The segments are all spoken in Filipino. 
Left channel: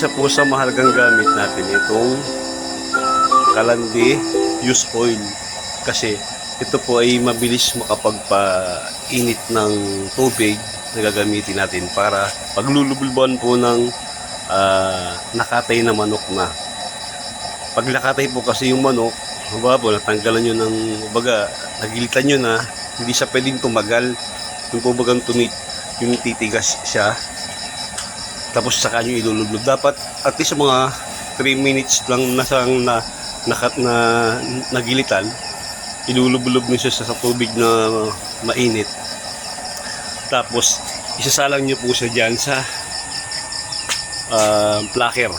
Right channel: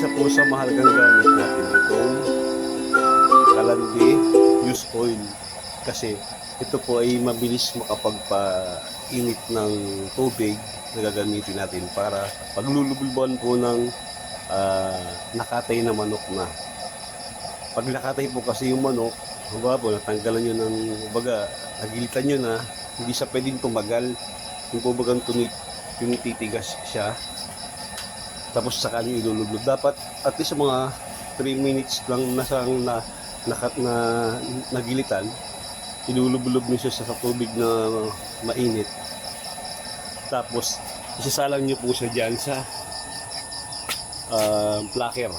isa po sa mahalagang gamit natin itong Kalandi Use Oil, kasi ito po ay mabilis makapagpainit ng tubig na gagamitin natin para paglulubluban po ng nakatay na manok na. Pag nakatay po kasi yung manok, po natanggalan nyo ng baga, nagilitan nyo na, hindi siya pwedeng tumagal. Yung po bagang yung titigas siya, tapos saka nyo ilulublob. Dapat at least mga 3 minutes lang nagilitan, ilulublob nyo siya sa tubig na mainit. Tapos isasalang nyo po siya dyan sa plaker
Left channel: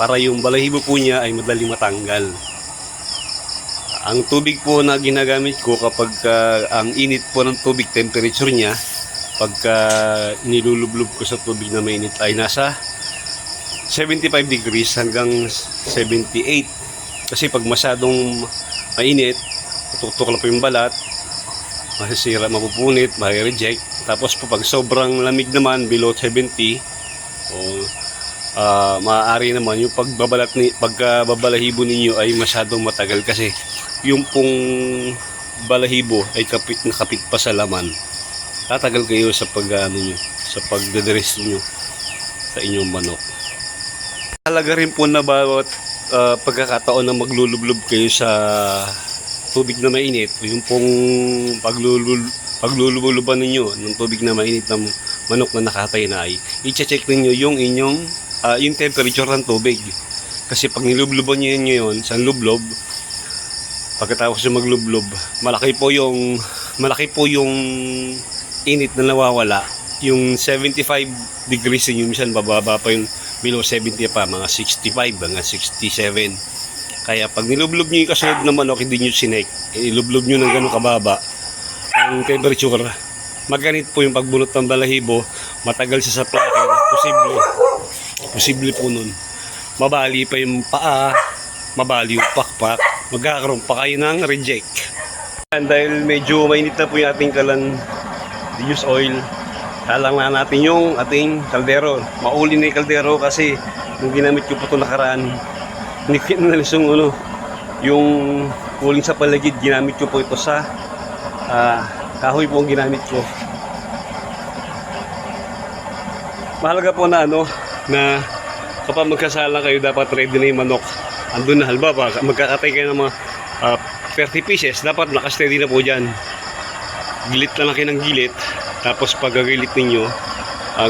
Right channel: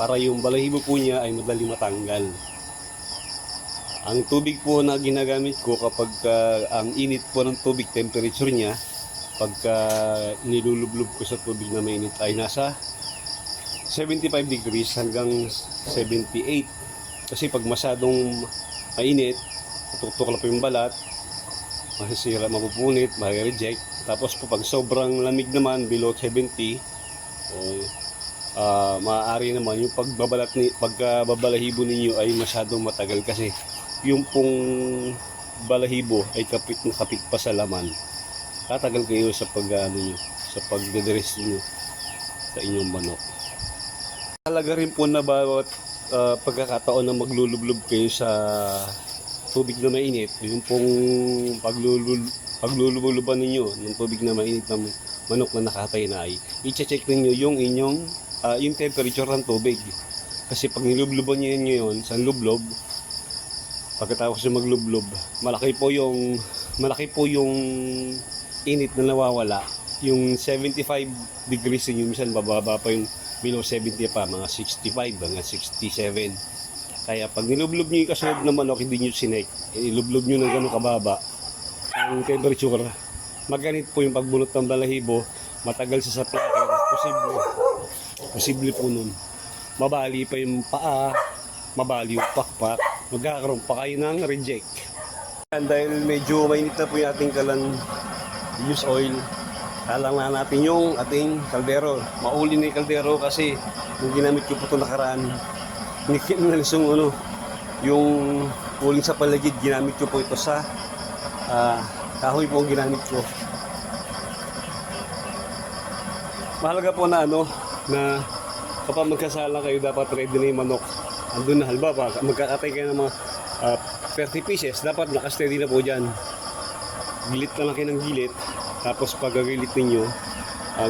para yung balahibo po niya ay madali matanggal. Ang tubig po na ginagamit ko kapag ang init po ng tubig, temperature niya, pagka nilulublob ko sa tubig na mainit ay nasa 75 degrees hanggang 78. Kasi pag masyadong mainit, tutok lang po yung balat, masisira, mapupunit, ma-reject. Tapos po pag sobrang lamig naman, below 70, maaari naman yung pagbabalahibo ninyo ay masyadong matagal, kasi yung pong balahibo ay kapit na kapit pa sa laman. Tatagal kayo sa sa pagdadress nyo sa inyong manok. Halaga rin po na bawat pagkakataon na maglulublob kayo sa tubig na mainit, yung pong paglulubluban ninyo ng tubig na mainit ng manok na nakatay na, ay i-check ninyo yung inyong yung temperature ng tubig. Kasi pag nilubluban nyo yun sa lublob, pagkatapos yung maglublob, malaki po yung init na nawawala. Yung 75 degrees yun, minsan bababa pa yung below 70 pa, mga 65 hanggang 67. Kaya pag nilublob nyo yung kasunod na manok, hindi nyo sinek, ilublob nyo ng ganun kababa ang temperature, maganit po yung pagbunot ng balahibo, matagal siya sa plaker, posible po nun mabali pa yung paa, mabali yung pakpak, magkakaroon pa kayo ng reject. Dahil medyo mainit na po yung ating Kalandi Use Oil, halang na natin yung ating kaldero. Mauli na yung kaldero kasi yung ginamit ko po ito nakaraan, yung uling sa paligid, ginamit ko po ito sa kahoy po ang ginamit ko. Mahalaga po na na kapag magkasala kayo, dapat ready na yung manok. Andun na, halimbawa magkakatay kayo ng mga 30 pieces, dapat nakasteady na po dyan. Gilit na lang kayo ng gilit. Tapos pag gagilit ninyo,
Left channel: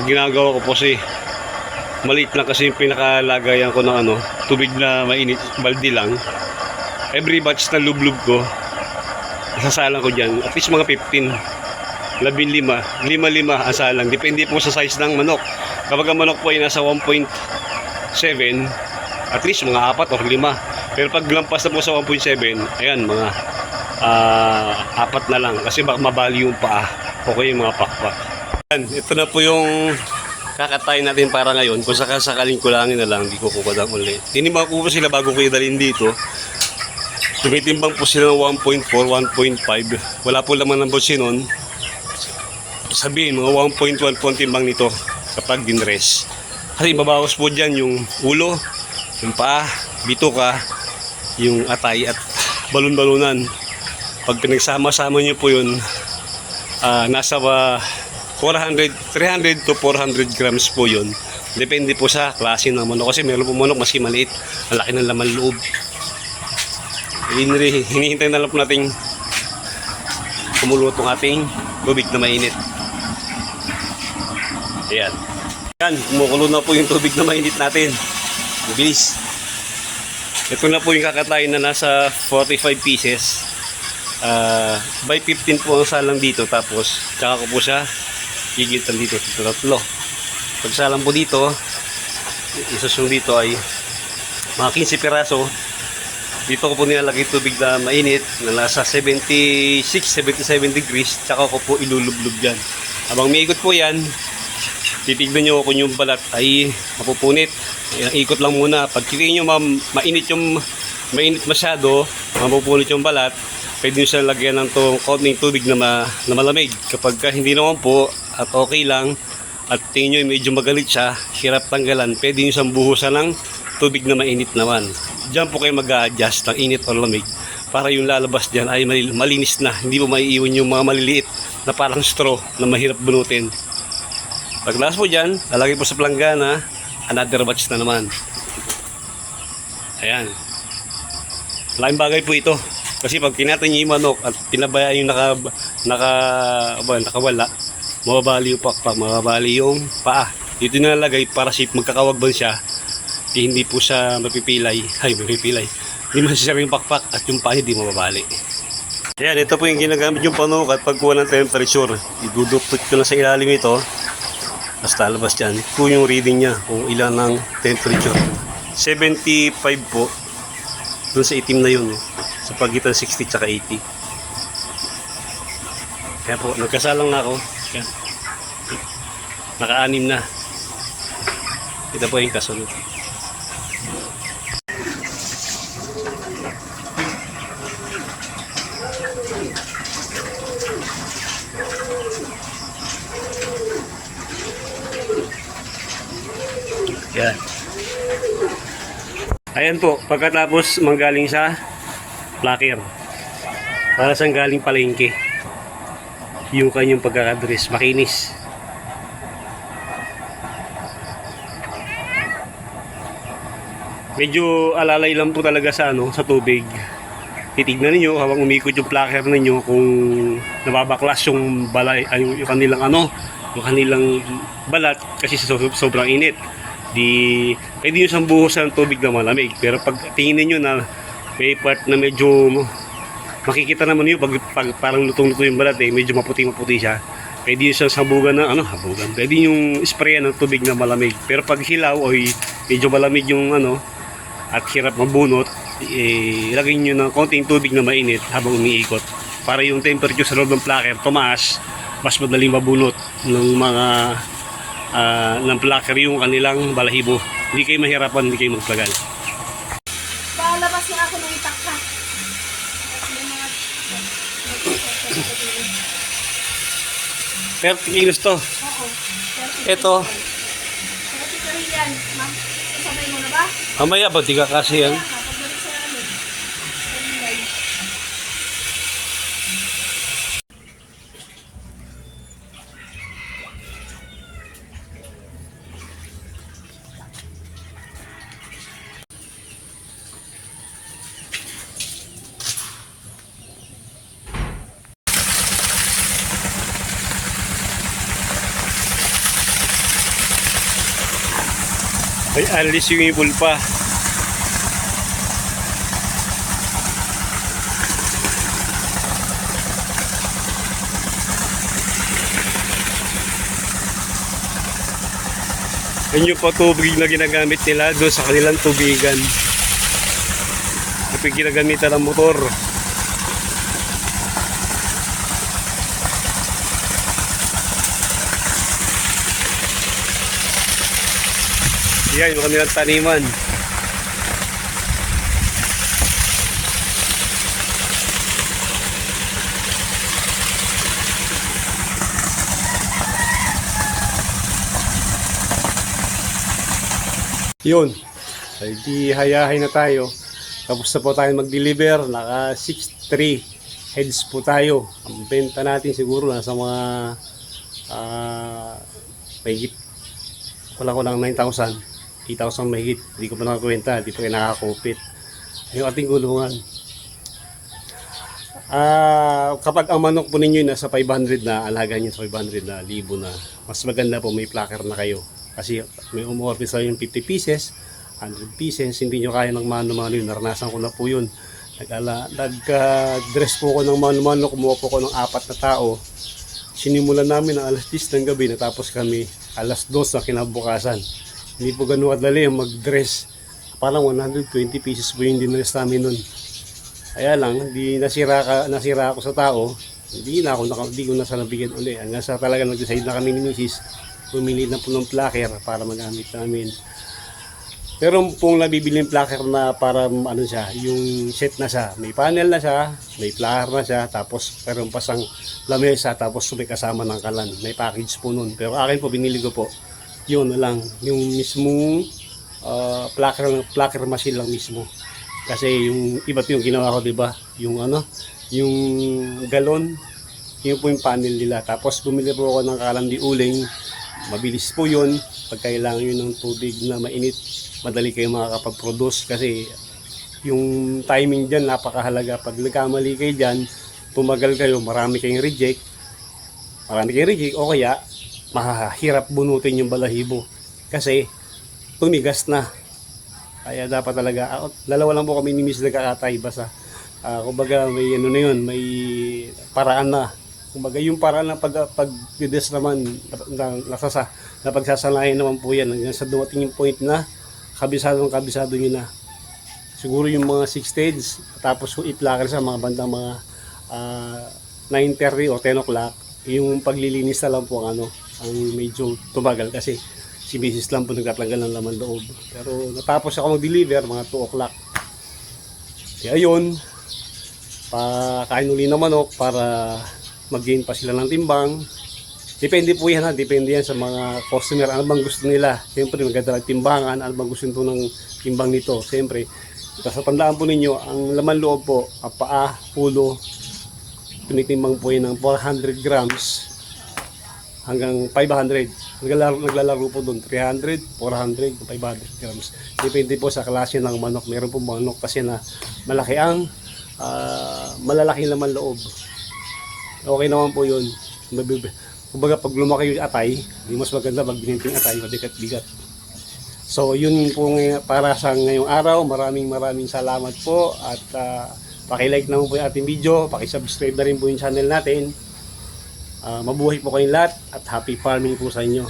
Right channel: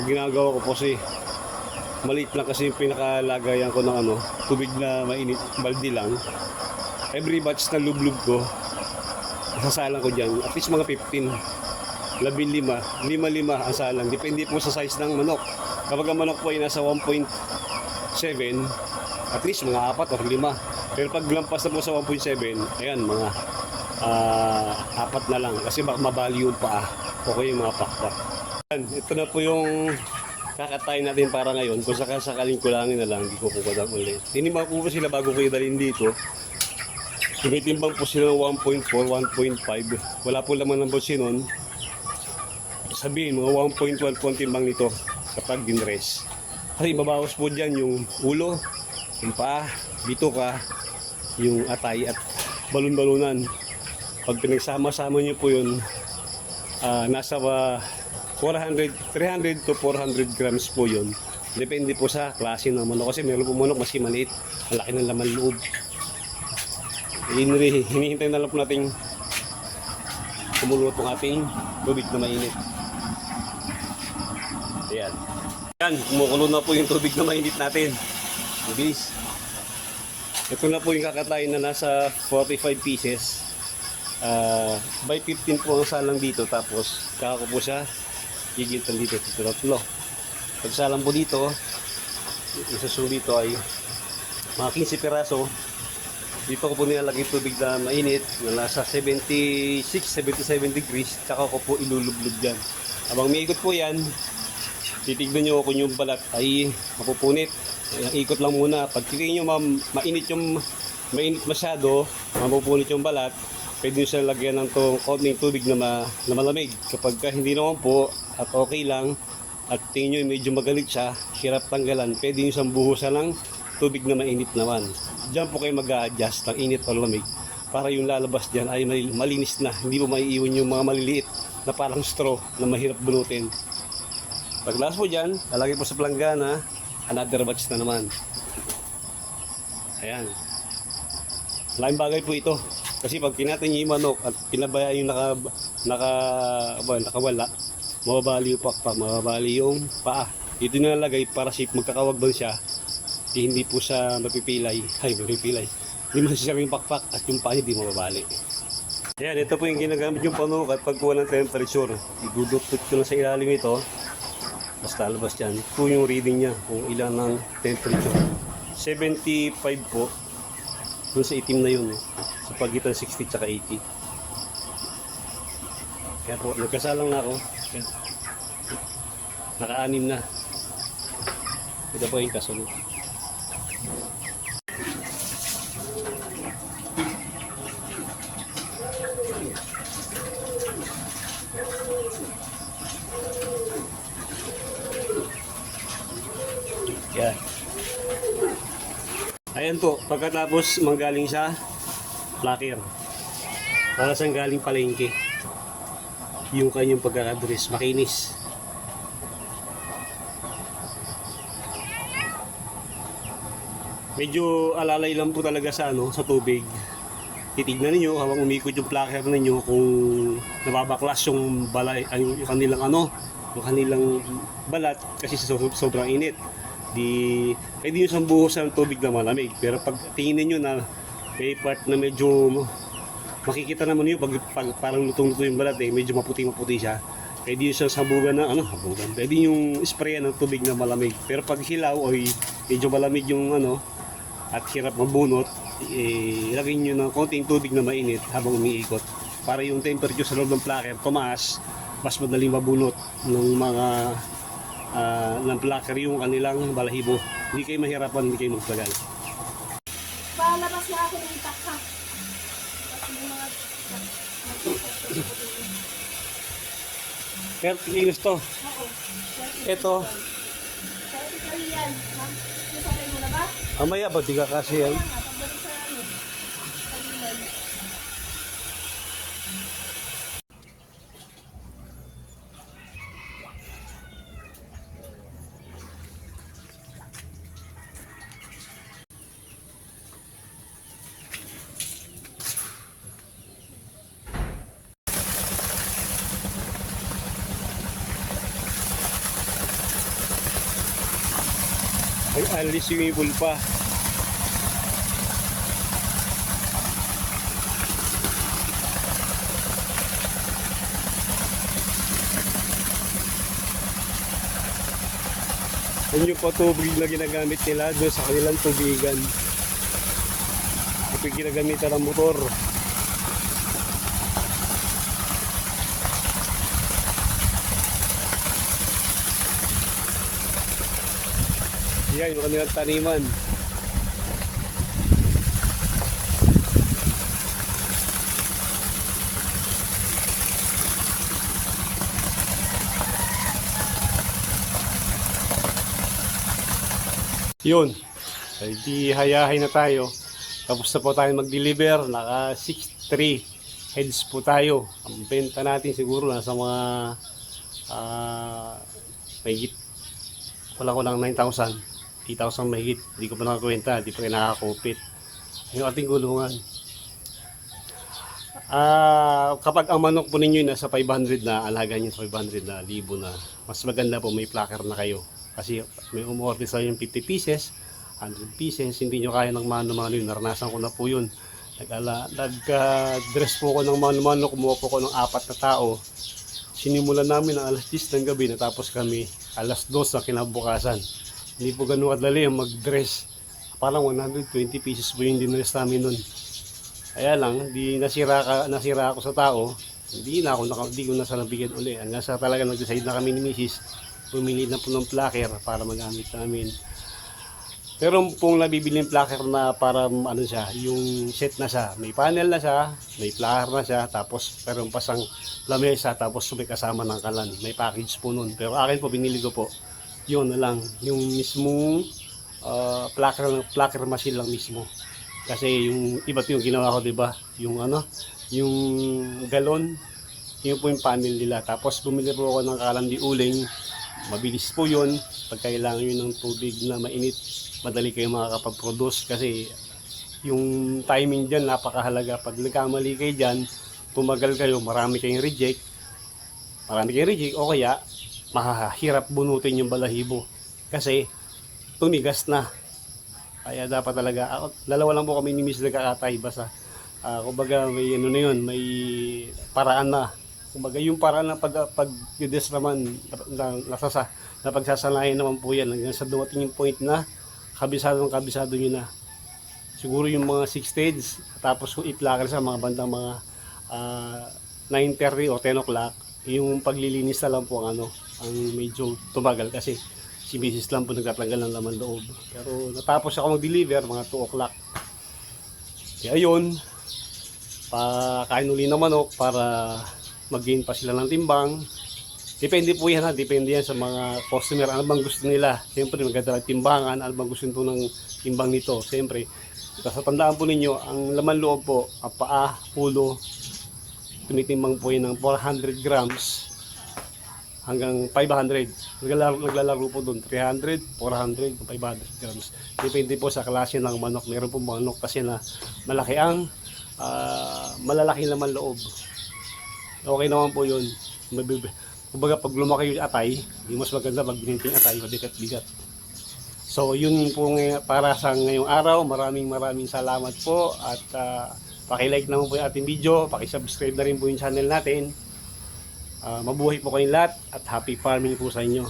ginagawa ko po maliit lang kasi yung pinakalagayan ko ng tubig na mainit, baldi lang. Every batch na lublob ko, sasalang ko dyan at least mga 15, 15, 5 asalang, depende po sa size ng manok. Kapag ang manok po ay nasa 1.7, at least mga 4 or 5. Pero pag lampas na po sa 1.7, ayan, mga 4 na lang, kasi baka mabali yung paa o kaya yung mga pakpak. Ito na po yung kakatay natin para ngayon. Kung sakaling kulangin na lang, hindi ko kukulang ulit. Tinimbang ko po sila bago ko idalhin dito. Tumitimbang po sila ng 1.4, 1.5. Wala po laman ng bolsi nun. Sabihin, mga 1.1 po ang timbang nito kapag dinress. Kasi mabawas po dyan yung ulo, yung paa, bituka, yung atay at balon-balunan. Pag pinagsama-sama nyo po yun, nasa 300 to 400 grams po yun. Depende po sa klase ng manok. Kasi meron po manok maski maliit, ang laki ng laman loob. Hinihintay na lang po natin kumulo itong ating tubig na mainit. Ayan. Yan, kumukulo na po yung tubig na mainit natin. Mabilis. Ito na po yung kakatayin na nasa 45 pieces. By 15 po ang salang dito. Tapos, tsaka ko po siya gigitan dito. Tatlo. Pag salang po dito, isusong dito ay mga 15 piraso. Dito ko po nilalagay tubig na mainit na nasa 76, 77 degrees. Tsaka ko po ilulublob dyan. Habang may ikot po yan, titignan nyo kung yung balat ay mapupunit. Ikot lang muna. Pag tingin nyo mainit masyado, mapupunit yung balat, pwede nyo siya lagyan ng kaunting tubig na malamig. Kapag hindi naman po at okay lang, at tingin nyo medyo magalit siya, hirap tanggalan, pwede nyo siyang buhusan ng tubig na mainit naman. Diyan po kayo mag-a-adjust ng init o lamig para yung lalabas dyan ay malinis na, hindi mo maiiwan yung mga maliliit na parang straw na mahirap bunutin. Paglas po dyan, lalagay po sa planggana, another batch na naman. Ayan. Laking bagay po ito. Kasi pag kinatay niyo yung manok at pinabayaan yung nakawala, mababali yung pakpak, mababali yung paa. Dito nilalagay para safe magkakawagban siya. Hindi po siya mapipilay. Hindi masasarap yung pakpak at yung paa hindi mababali. Ayan, ito po yung ginagamit yung panuk at pagkuha ng temperature. Iduduktot ko na sa ilalim ito. Basta lalabas dyan. Ito yung reading niya kung ilan ng temperature. 75 po. Doon sa itim na yun. Sa pagitan 60 at 80. Kaya po, nagkasalang na ako. Naka-anim na. Ito po yung kasunod. Yan. Ayan po, pagkatapos manggaling sa plaker. Para sa galing palengke. Yung kanyang pagkakadress, makinis. Medyo alalay lang po talaga sa sa tubig. Titignan niyo habang umikot yung plaker ninyo kung nababaklas yung balay ay yung kanilang balat kasi sobrang init. Pwede nyo siyang buhusan ng tubig na malamig. Pero pag tingin niyo na may part na medyo makikita naman yun pag parang lutong-luto yung balat medyo maputi-maputi siya. Pwede nyo siyang sabugan ng Pwede nyo sprayan ng tubig na malamig. Pero pag hilaw o medyo malamig yung at hirap mabunot, ilagay nyo ng konting tubig na mainit habang umiikot. Para yung temperature sa loob ng plaker tumaas, mas madaling mabunot ng mga ng plaker yung kanilang balahibo. Hindi kayo mahirapan, hindi kayo magplagal. Palabas na ako ng itakta. Pero kilos to. Oo. Ito, 30 yan. Ma'am, sasabay mo na ba? mamaya ba, di ka kasi yan. Pagbalik sa kanilay. Ay, alis yung ibol pa. Yan yung patubig na ginagamit nila doon sa kanilang tubigan. Ito yung ginagamitan ng motor. Yan yung kanilang taniman. Yun. Ay di hayahay na tayo. Tapos na po tayo mag-deliver. Naka 6.3 heads po tayo. Ang benta natin siguro nasa mga mahigit kulang 9,000. 8,000 mahigit. Hindi ko pa nakakwenta. Hindi pa kayo nakakupit. Yung ating gulungan. Kapag ang manok po ninyo nasa 500 na, alaga nyo sa 500 na, libo na, mas maganda po may plaker na kayo. Kasi may umorder sa yung 50 pieces, 100 pieces, hindi nyo kaya ng mano-mano yun. Naranasan ko na po yun. Nag-dress po ko ng mano-mano, kumuha po ko ng 4 na tao. Sinimulan namin ng alas 10 ng gabi, natapos kami alas 2 na kinabukasan. Hindi po ganun kadali ang mag-dress. Parang 120 pieces po yung dinress namin nun. Kaya lang, di nasira ako sa tao. Hindi ko na sana bigyan ulit. Hanggang sa talaga nag-decide na kami ni Mrs. Pumili na po ng plaker para magamit namin. Meron pong nabibiling plucker na para ano siya, yung set na siya. May panel na siya, may plucker na siya, tapos meron pa siyang lamesa, tapos may kasama ng kalan. May package po nun. Pero akin po, binili ko po, yun na lang, yung mismong plucker machine lang mismo. Kasi yung iba po yung ginawa ko, di ba? Yung ano, yung galon, yun po yung panel nila. Tapos bumili po ako ng kalan di uling. Mabilis po yun. Pag kailangan yun ng tubig na mainit, madali kayo makakapag-produce kasi yung timing dyan napakahalaga. Pag nagkamali kayo dyan, tumagal kayo, marami kayong reject, o kaya mahahirap bunutin yung balahibo kasi tumigas na. Kaya dapat talaga, dalawa lang po kami ni Miss nagkakatay, basta kumbaga may ano na yun, may paraan na. Kumbaga yung paraan na pag-des naman na pagsasanayan naman po yan hanggang sa dumating yung point na kabisado nyo na. Siguro yung mga 6 stage, tapos kung i-plucker sa mga bandang mga 9:30 o 10 o'clock, yung paglilinis na lang po ang medyo tumagal kasi si Mrs. lang po nagtatanggal ng laman loob. Pero natapos ako mag-deliver mga 2 o'clock. Kaya yun, pakain uli ng manok para mag-gain pa sila ng timbang. Depende po yan depende yan sa mga customer, ano bang gusto nila. Siyempre maganda ang timbangan, ano bang gusto nito ng timbang nito. Siyempre, tapos tandaan po ninyo, ang laman loob po, paa, ulo, tinitimbang po yan ng 400 grams hanggang 500. Naglalaro po doon, 300, 400, 500 grams. Depende po sa klase ng manok. Meron po manok kasi na malaki ang malalaki laman loob. Okay naman po yun. Kumbaga pag lumaki yung atay, di mas maganda pag bininting atay, mabigat-bigat. So yun po para sa ngayong araw. Maraming salamat po at paki-like naman po yung ating video, paki-subscribe na rin po yung channel natin. Mabuhay po kayong lahat at happy farming po sa inyo.